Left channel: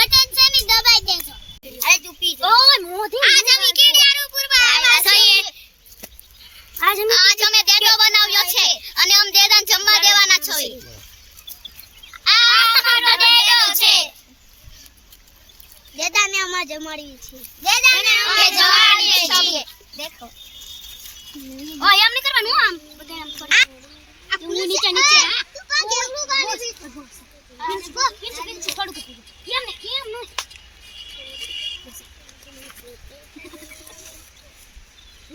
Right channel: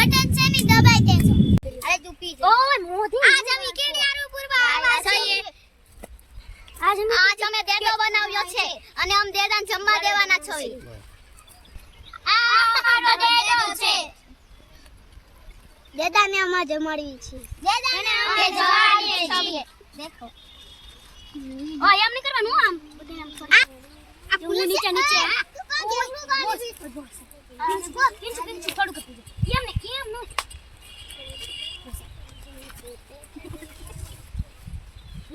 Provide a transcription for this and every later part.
button છે ને દબાઈ દેજો અરે તું પી ઓય મોધી આજ અમે કેડિયારો પૂરવા આવ્યા છીએ આજ અમે દેડો બનાવ્યો છે અને અમે દેદાન જમવા દેવાના છે આ અમારો દેડો છે દેદાને અમાર જમાડવી છે દેદાને અમે જમાડીએ છીએ દેખો ઓય એમ ન કરવાનું આમ બધે આમ આ પુલી નીચે નીચે તું કા કેટલું ગાડી થોડું કેમ ને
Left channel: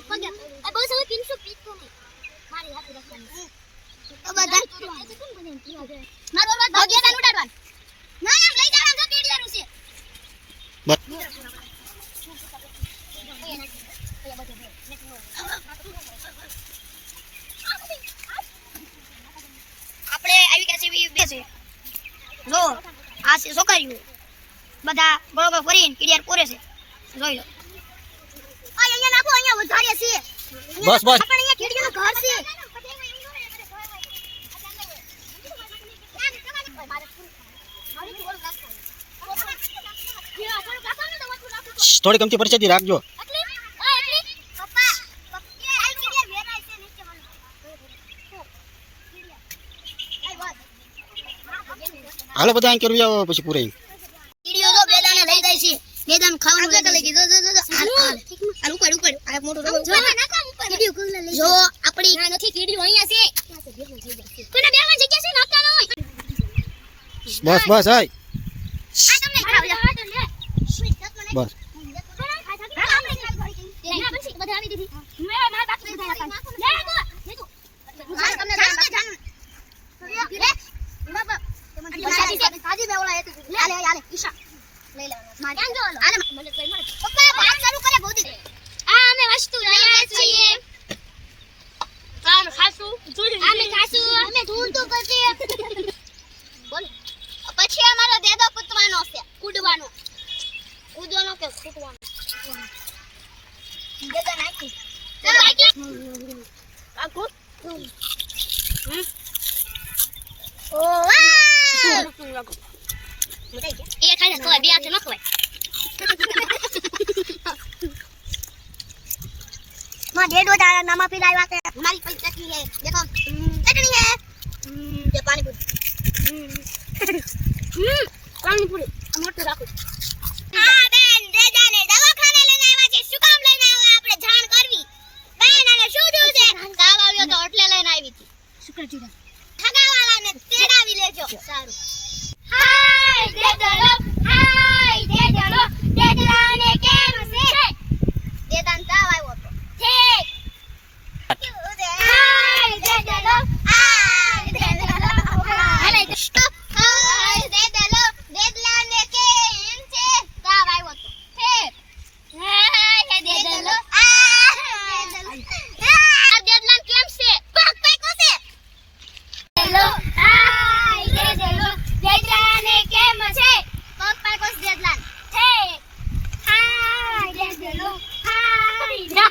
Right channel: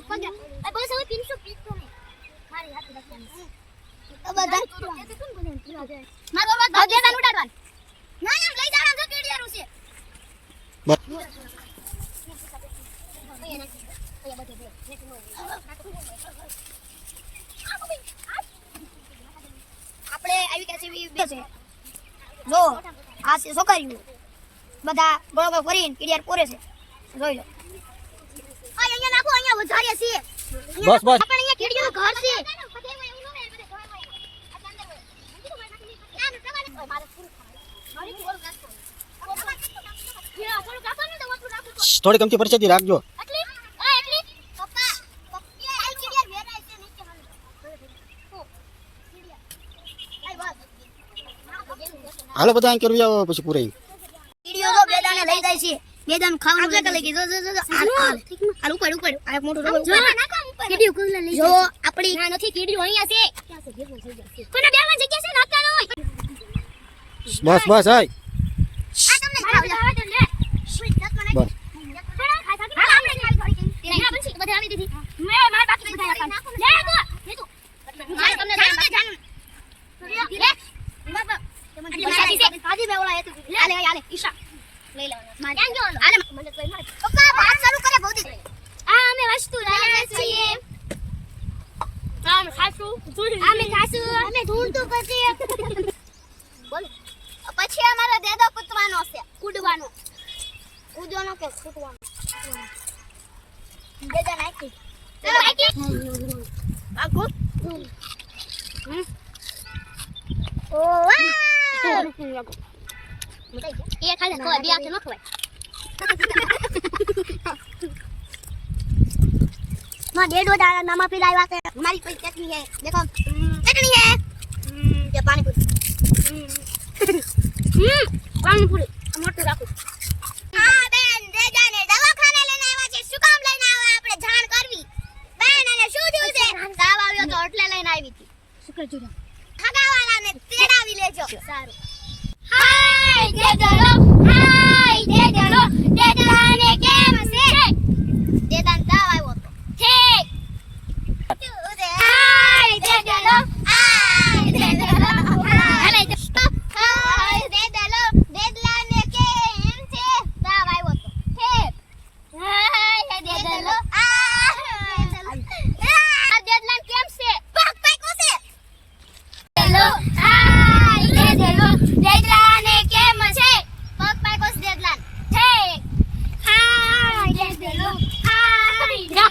પગા આ બસ હવે 300 પીતો નહીં મારી હાથ રાખવાની તો બધા કોણ બને પીવા જાય મારો વાત ભાગ્યદાન ઉડાડવાનું ના એમ લઈ જાવ જો કેડિયારું છે આપણે આવી ગયા છે બેસે જો આ છે છોકરીઓ બધા બરોબર ફરીને કેડિયાર પૂરે છે જોઈ લો અહીંયા નાખો અહીંયા વધારે છે બસ બસ આપણે અહીંયા કેડિયાનું ઘર છે થોડી કમતી પરિસ્થિતિ રાખજો હાલો બધા અહીં કરવી આવો પછી પૂરે વિડિયો તો બેદાને લઈ જાય છે બેદાન ખાવાનું લઈ લઈ જો આ ઉપર આ મોટું જો વિડિયો કોણ લઈ જો આપણી ના નથી વિડિયો અહીંયા છે કોને બેમાં જગ્યા છે નાખતા ન હોય બસ બસ હાય આ તમને ખાવા દે બસ બધા આવી દીધી મે માર બાકી બધા નાખો લે તો માર તમને લે બાબા કાજી બેવલા હતી આલે ઈશા લઈ લેવાનો માર જાન જો આલે મને કોઈ માર પપ્પા વાત શરૂ કરે બહુતી આ અમે વસ્તુ લયા છીએ અમે ધૂળ તો કરતી બોલો પછી અમારો દેદો કૂદવાનો છે કૂદવાનો કૂદવાનો કે કૂદવાનો દેદા નાખી આખો ઓ વાહ એ ખાઈ તો બે આંખ ન ખવાય માં ડેડો દાડા નામા પીલાવ્યા છે મારી પાસે ચટણી છે દેખો ચટણી છે જે પાણીપુરી પાણીપુરી મોટું રાખો આ બેન દેજાને દવાખાને લઈને આવ્યા છે શું કામ લઈને આવ્યા આપણે જાણ કરવી બેન અને શું થયું છે તાવ આવ્યો તો એટલે લઈને આવી હતી શુક્ર જુડા ખગાવાલાને તેડાવી લેજો સારું હાય દેદલો દેદલાને કેમ છે દેદાન તાવ આવ્યો તો ઠીક હાય દેદલો હાલે હાય દેદલો દેદલાને કેમ છે તાવ આવ્યો તો ઠીક હાય દેદલો આ દેદલાન કેમ છે પગ પાકો છે દેદલો હાય દેદલો દેદલાને કેમ છે પગ પાકો છે દેદલાન ઠીક હાય દેદલો હાય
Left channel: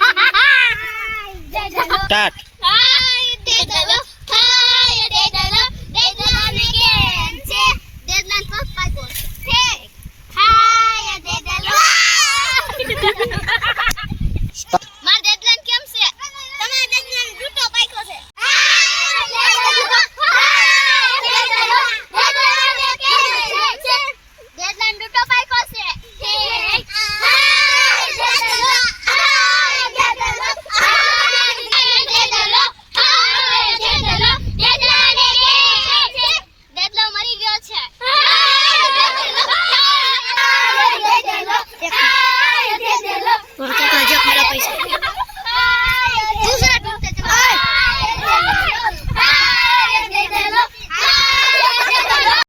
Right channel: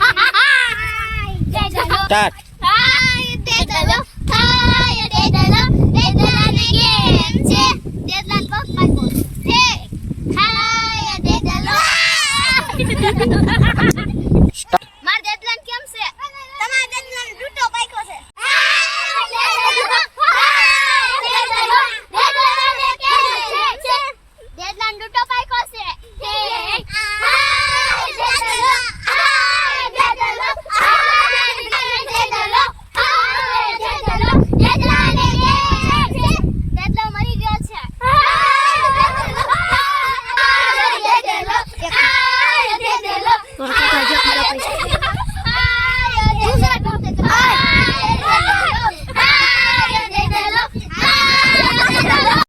દેદલો સ્ટાર્ટ હાય દેદલો હાય દેદલો દેદલાને કેમ છે દેદલાન પગ પાકો ઠીક હાય દેદલો માર દેદલાન કેમ છે તમાર દેદલાન ડૂટો પાકો છે દેદલાન ડૂટો પાકો છે ઠીક દેદલો મરી ગયો છે દેદલો